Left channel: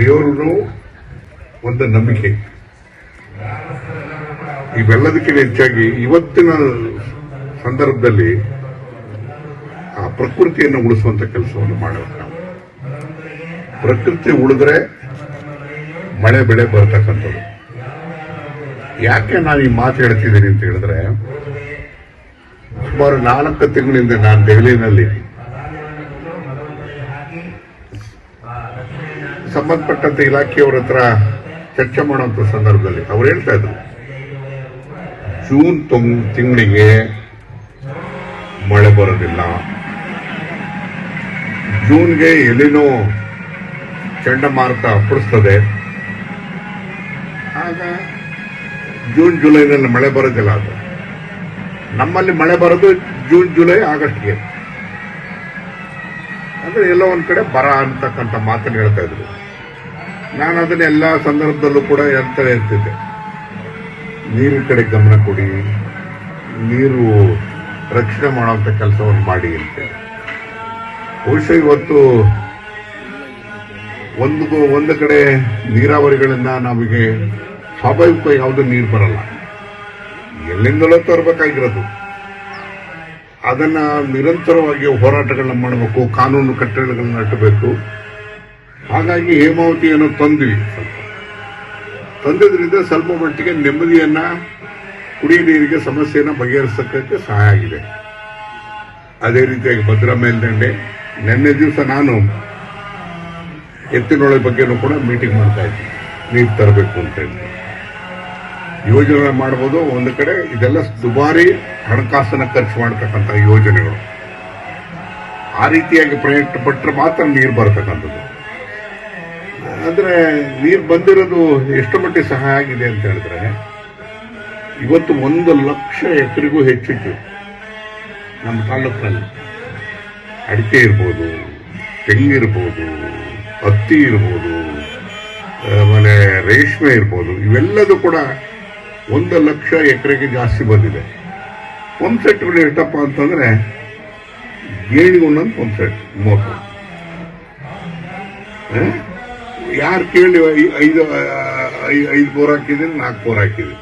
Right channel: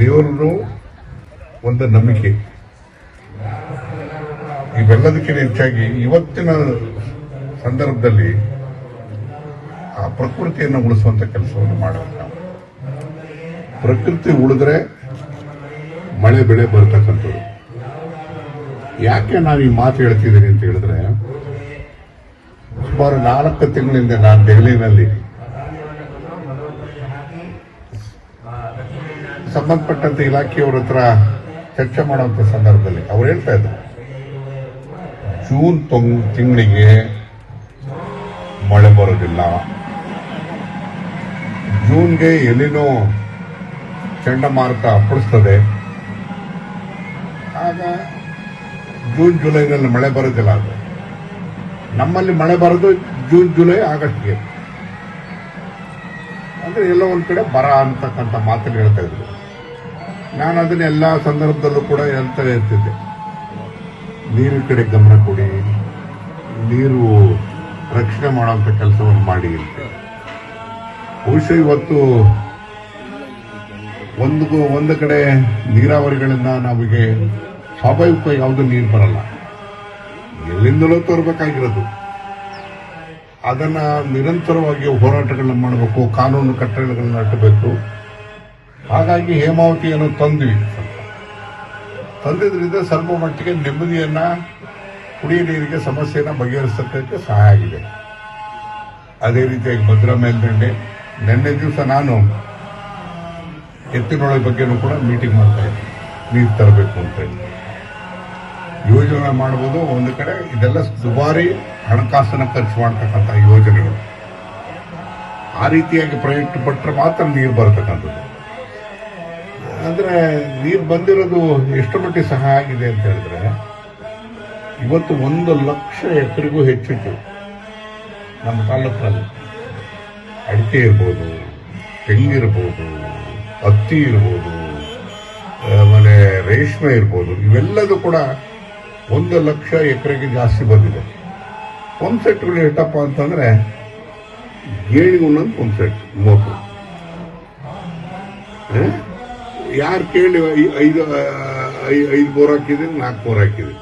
ದೇವರು ಒಂದು ನಂಬಿಕೆ. ಇವೆಲ್ಲದಕ್ಕಿಂತ ಹೆಚ್ಚಾಗಿ ಇವತ್ತಿನ ಸಂದರ್ಭದಲ್ಲಿ ಆ ಪ್ರಕೃತಿಯನ್ನು ಉಳಿಸುವಂತ ಕೆಲಸವನ್ನು ಮಾಡಬೇಕು ನಾವು. ಪ್ರಕೃತಿ ಉಳಿದ್ರೆ ಮಳೆ ಬೆಳೆ ಬರ್ತಕ್ಕಂಥದ್ದು. ಯಾಕೆ ನಾನು ಈ ಮಾತು ಹೇಳ್ತಿದ್ದೀನಿ ಅಂತ ಹೇಳಿದ್ರೆ, ಸುಮಾರು 4 ತಿಂಗಳಿಂದ ನಾನು ದೆಹಲಿನಲ್ಲಿ ಸಂಬಂಧಪಟ್ಟಂತ ಇಲಾಖೆಯವರ ಹತ್ರ ಚರ್ಚೆ ಮಾಡುವಂತ ಸಂದರ್ಭದಲ್ಲಿ ಅವ್ರು ಹೇಳ್ತಾ ಇದ್ರು, ಜೂನ್ ತಿಂಗಳಿಗೆ ಮಳೆ ಬರೋದಿಲ್ಲ, ಜೂನ್ಗೆ ಎಲಿನೋ ಚಂಡಮಾರುತ ಅಪ್ಪಳಿಸ್ತದೆ, ಆಗ ಜೂನ್ ಜುಲೈನಲ್ಲಿ ಮಳೆ ಬರೋದಿಲ್ಲ. ಅದು ನಮ್ಮಲ್ಲಿ ಮಳೆ ಬರೋದು ಜೂನ್ ಜುಲೈ ಆಗಸ್ಟ್ಗೆ. ಅಂದ್ರೆ ಎಲ್ಲೋ ಒಂದ್ ಕಡೆ ಬರ ಅಂತಕ್ಕಂಥ ಮಾತನ್ನು ಹೇಳ್ತಾ ಇದ್ರು. ನಾನು ಅದನ್ನ ಎಲ್ಲಾ ಸಂದರ್ಭದಲ್ಲೂ ಕೂಡ ಹೇಳ್ತಿದ್ದೆ, ನೀರಿನ ಕಡೆ ಗಮನ ಕೊಡಿ, ನೀರು ರಕ್ಷಣೆ ಮಾಡುವಂತ ಕೆಲಸವನ್ನು ಮಾಡಿ ಅಂತ. ಬಹುಶಃ ಇವತ್ತು ಒಂದು ಕಡೆ ನೀರಾವರಿಗಳಿಂದ ನಮಗೆ ಸ್ವಾಭಾವಿಕ ಯಾವುದೂ ನೀರು ಬರಲ್ಲ, ಎಲ್ಲಿಂದಲೂ ತರಬೇಕಾಗಿರೋದು. ಅದನ್ನ ನಿರಂತರವಾಗಿ ಹೋರಾಟಗಳನ್ನ ಮಾಡಬೇಕು, ಕಾನೂನು ಕಟ್ಟಡಗಳನ್ನ ಕಟ್ಟಬೇಕು. ಹಾಗಾಗಿ ಹೇಮಾವತಿಯನ್ನು ತಂದಿದ್ರಿಂದ ಸ್ವಲ್ಪ ಮಟ್ಟಿಗೆ ನೆಮ್ಮದಿಯನ್ನ, ಕುಡಿಯ ನೀರಿಗೆ ಸಮಸ್ಯೆಯನ್ನ ಬಗೆಹರಿಸಕ್ಕೆ ಸಹಾಯ ಆಗಿದೆ. ಅದೇ ರೀತಿಯಾಗಿ ಭದ್ರಾ ಮೇಲ್ದಂಡೆ ನಿನ್ನೆ ದಿವಸ ನಾನು ಎತ್ತಿನೊಳೆ ಬಗ್ಗೆನೂ ಕೂಡ ಮೀಟಿಂಗ್ ಮಾಡ್ತಾ ಇದ್ದೆ, ನೀರು ತರಬೇಕು ಅಂತ ಹೇಳಿ ಯೋಜನೆ ಮಾಡಬಹುದು. ಒಂದು ಕಡೆ ಇದೆಲ್ಲ ದುಬಾರಿ ಹಣಕಾಸನ್ನ ಖರ್ಚು ಮಾಡತಕ್ಕಂಥ ಯೋಜನೆಗಳು. ಆ ರೀತಿಯಾಗಿ ಪ್ರಯತ್ನ ಪಟ್ಟರೆ ಮಾತ್ರ ನೀರು ಬರತಕ್ಕಂಥದ್ದು. ಅಂದ್ರೆ ನೀರು ಬಂದಿರೋದು ಎಷ್ಟು ಮಟ್ಟಿಗೆ ಸಹಾಯ ಆಗಿದೆ ಅಂತ ಹೇಳಿದ್ರೆ, ಇವತ್ತು 1,00,000 ಎಕರೆಗೂ ಹೆಚ್ಚಿತ್ತು ನಮ್ಮ ತಾಲೂಕಿನಲ್ಲಿ. ಅಡಿಕೆ ಇರ್ಬೋದು, ತೆಂಗಿರ್ಬೋದು, ಹತ್ತಿ ಇರ್ಬೋದು, ಆಮೇಲೆ ರೇಷ್ಮೆ ಇರ್ಬೋದು, ಇವೆಲ್ಲದೂ ಕೂಡ 1,00,000 ಎಕರೆಗೆ ಜಾಸ್ತಿ ಬಂದಿದೆ. ಪಂಪ್ ಸೆಟ್ಗಳು ಎಷ್ಟಪ್ಪ ಅಂತಂದ್ರೆ ಗೇಣಿಗೆ ಒಂದೊಂದು ಪಂಪ್ ಸೆಟ್ 30. ಯಾರು ಕೇಳಿ 5 ಬೋರ್ ಹಾಕಿದ್ವಿ, 4 ಬೋರ್ ಹಾಕಿದ್ವಿ.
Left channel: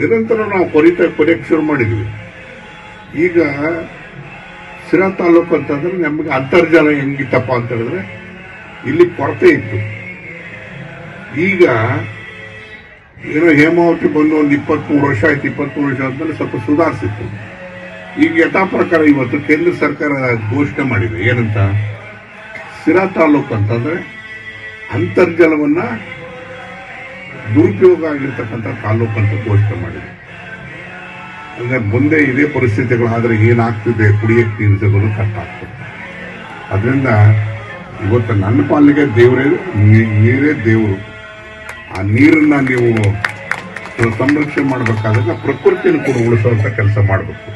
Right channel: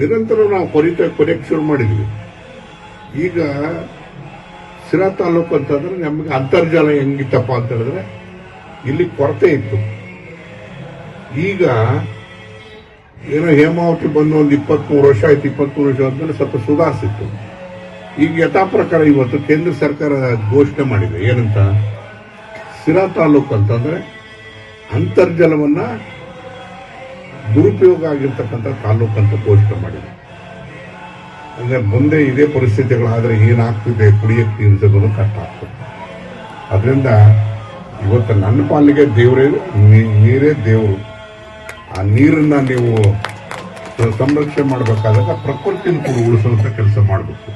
ನಿರಂತರ ನಾವು ಕೊರೆಯಕ್ಕೆ ಶುರು ಮಾಡಿದ್ವಿ. ಈಗ ಸಿರಾ ತಾಲೂಕು ಅಂತಂದ್ರೆ ನಮಗೆ ಅಂತರ್ಜಲ ಹೆಂಗಿತ್ತಪ್ಪ ಅಂತ ಹೇಳಿದ್ರೆ ಇಲ್ಲಿ ಕೊರತೆ ಇತ್ತು. ಈಗ ಏನೋ ಹೇಮಾವತಿ ಬಂದು ಒಂದು 23 ವರ್ಷ ಆಯ್ತು. 23 ವರ್ಷ ಆದ್ಮೇಲೆ ಸ್ವಲ್ಪ ಸುಧಾರಿಸಿತ್ತು. ಈಗ ಯಥಾ ಪ್ರಕಾರ ಇವತ್ತು ಕೇಂದ್ರ ಸರ್ಕಾರ ಘೋಷಣೆ ಮಾಡಿದೆ, ಏನಂತ, ಸಿರಾ ತಾಲೂಕು ಅಂತಂದ್ರೆ ಅಂತರ್ಜಲವನ್ನ ದುರುಪಯೋಗ ಆಗಿರ್ತಕ್ಕಂಥ ತಾಲೂಕು ಅಂತ ಘೋಷಣೆ ಮಾಡಿದೆ. ಅಂದ್ರೆ ಮುಂದೆ ಇದೇ ಪರಿಸ್ಥಿತಿಗಳಾದ್ರೆ ಏನಾಗ್ತಿದೆ, ಕುಡಿಯಕ್ಕೆ ನೀರು ಕಷ್ಟ ಆಗ್ತದೆ. ಅದರಿಂದ ಇವತ್ತು ನನ್ನ ಪಾಲಿಗೆ ನೀರೇ ದೇವರು. ಆ ನೀರನ್ನ ನೀವು ಸಂರಕ್ಷಣೆ ಮಾಡಬೇಕಾದಾಗ ಪ್ರಕೃತಿಯನ್ನು ಕೂಡ ಉಳಿಸುವಂತ ಕೆಲಸ ಮಾಡಬೇಕು.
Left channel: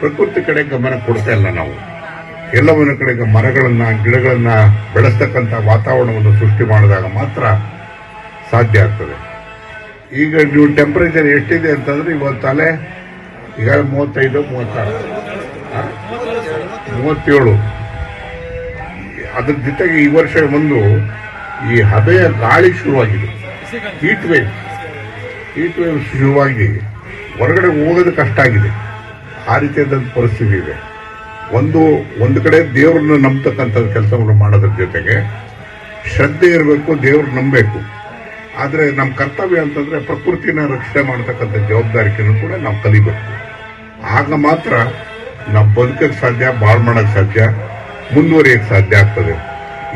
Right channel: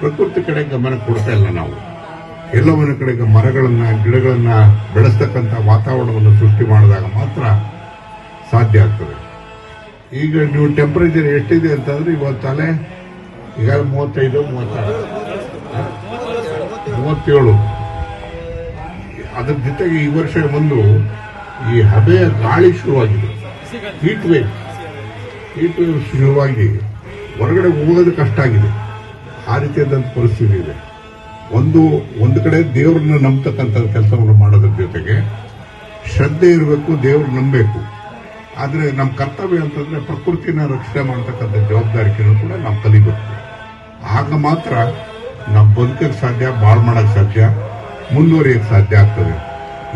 ಪ್ರಕೃತಿ ಕಡೆ ಗಮನ ಕೊಡ್ತಾ ಇಲ್ಲ ನಾವು. ಎಲ್ಲವನ್ನ ಕಡೆಗೆ ಮರಗಳನ್ನ, ಗಿಡಗಳನ್ನ ಬೆಳೆಸ್ತಕ್ಕಂಥ ವಾತಾವರಣವನ್ನು ಸೃಷ್ಟಿ ಮಾಡಿದಾಗ ಮಾತ್ರ ಸಾಧ್ಯ ಆಗ್ತದೆ. ಈಗ ನೀವು ಟೆಂಪರೇಚರ್ ಎಷ್ಟಿದೆ ಅಂತಂದ್ರೆ ಇವತ್ತಲ್ಲೇ ಈಗ 35, 37. ಅದ್ರ ಜೊತೆಗೆ ಈ ವರ್ಷ ಒಂದು ಈ ಹಬೆಯ ಗಾಳಿ ಶುರುವಾಗಿದೆ, ಹೀಟ್ ವೇವ್ ಶುರುವಾಗಿ ಹೊರಗಡೆ ಹೋಗೋದು ಕಷ್ಟ ಆಗಿದೆ. ಆ ರೀತಿಯಾದಂಥ ಪರಿಸ್ಥಿತಿ ಇದೆ. ಒಂದು ಕಡೆ ದೇವರನ್ನು ನಂಬತಕ್ಕಂಥ ಕೆಲಸವನ್ನು ಮಾಡೋದ್ರ ಜೊತೆಗೆ ಶ್ರದ್ಧೆ ಇರಬೇಕು, ದೇವರು ನಂಬಬೇಕು. ಆದ್ರೆ ನಮ್ಮ ಕರ್ತವ್ಯ ಅಂತಂದ್ರೆ ಪ್ರಕೃತಿನ ರಕ್ಷಣೆ ಮಾಡತಕ್ಕಂಥ ಜವಾಬ್ದಾರಿಕೆಯನ್ನು ಕೂಡ ನಾವು ಕಲಿಬೇಕು. ಆಗ ಮಾತ್ರ ನಾವು ಬದುಕಕ್ಕೆ ಸಾಧ್ಯ, ಬಾಳ್ ಮಾಡಕ್ ಸಾಧ್ಯ, ಮುಂದುವರಿಯಕ್ಕೆ ಸಾಧ್ಯ ಆಗ್ತದೆ.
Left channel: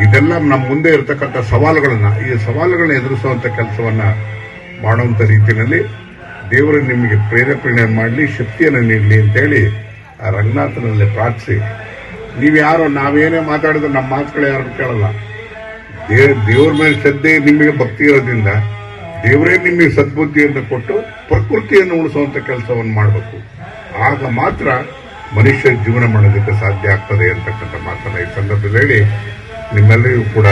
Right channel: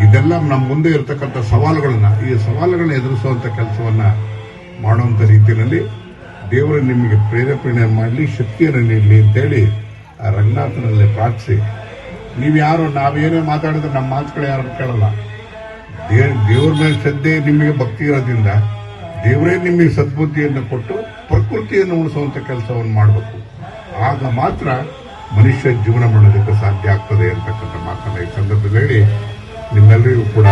ಇದೆಲ್ಲ ನಮ್ಮ ಮುಂದೆ ಇರತಕ್ಕಂಥ ಈ ಸವಾಲುಗಳನ್ನ ಎದುರಿಸುವಂತ ಕೆಲಸವನ್ನ ಮಾಡುವಂತ ರೀತಿಯಲ್ಲಿ ದೇವರು ನಿಮಗೆ ಪ್ರೇರೇಪಣೆ ಮಾಡಲಿ, ಶಕ್ತಿಯನ್ನು ನೀಡಲಿ ಅಂತೇಳಿ ಆ ರಂಗನಾಥನಲ್ಲಿ ಪ್ರಾರ್ಥಿಸಿ, ನೀವ್ಯಾರೋ ನಾವೇನೇ ಮಾತಾಡಿದ್ರು ನಮ್ಮ ಮಾತುಗಳು ಯಾರು ಕೇಳಲ್ಲ. ದೇವ್ರ ಮೇಲೆ ಶ್ರದ್ಧೆ, ನಿಮಗೆ ಭಕ್ತಿ ಇರೋದ್ರಿಂದ ದೇವರೇ ನಿಮಗೆ ಸದ್ಬುದ್ಧಿಯನ್ನು ಕೊಟ್ಟು ಪ್ರಕೃತಿಯನ್ನು ಉಳಿಸುವಂತ ಕೆಲಸವನ್ನು ಮಾಡಬೇಕು. ಆಗ ಮಾತ್ರ ಮನುಷ್ಯ ಜೀವನ ಮಾಡೋದಕ್ಕೆ ಸಾಧ್ಯ ಆಗ್ತದೆ ಅಂತಕ್ಕಂಥ ಮಾತನ್ನ ಈ ಸಂದರ್ಭದಲ್ಲಿ ನಿಮ್ಮೆಲ್ಲರಿಗೂ ಕೂಡ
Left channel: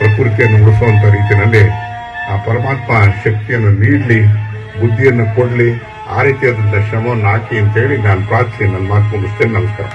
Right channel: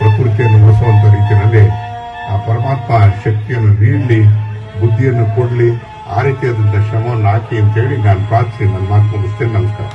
ಪ್ರಕೃತಿಯನ್ನು ಉಳಿಸುವಂತ ರೀತಿಯಲ್ಲಿ ಆ ಪರಮಾತ್ಮ ಶಕ್ತಿಯನ್ನು ನೀಡಲಿ, ಬುದ್ಧಿಯನ್ನು ಕೊಡಲಿ, ಆ ರೀತಿಯಾದಂಥ ಶ್ರಮವನ್ನು ಹಾಕಿ ಅಂತೇಳಿ ನಾನು ಪ್ರಾರ್ಥಿಸಿ ನನ್ನ ಮಾತು ಮುಗಿಸ್ತೇನೆ. ನಮಸ್ಕಾರ.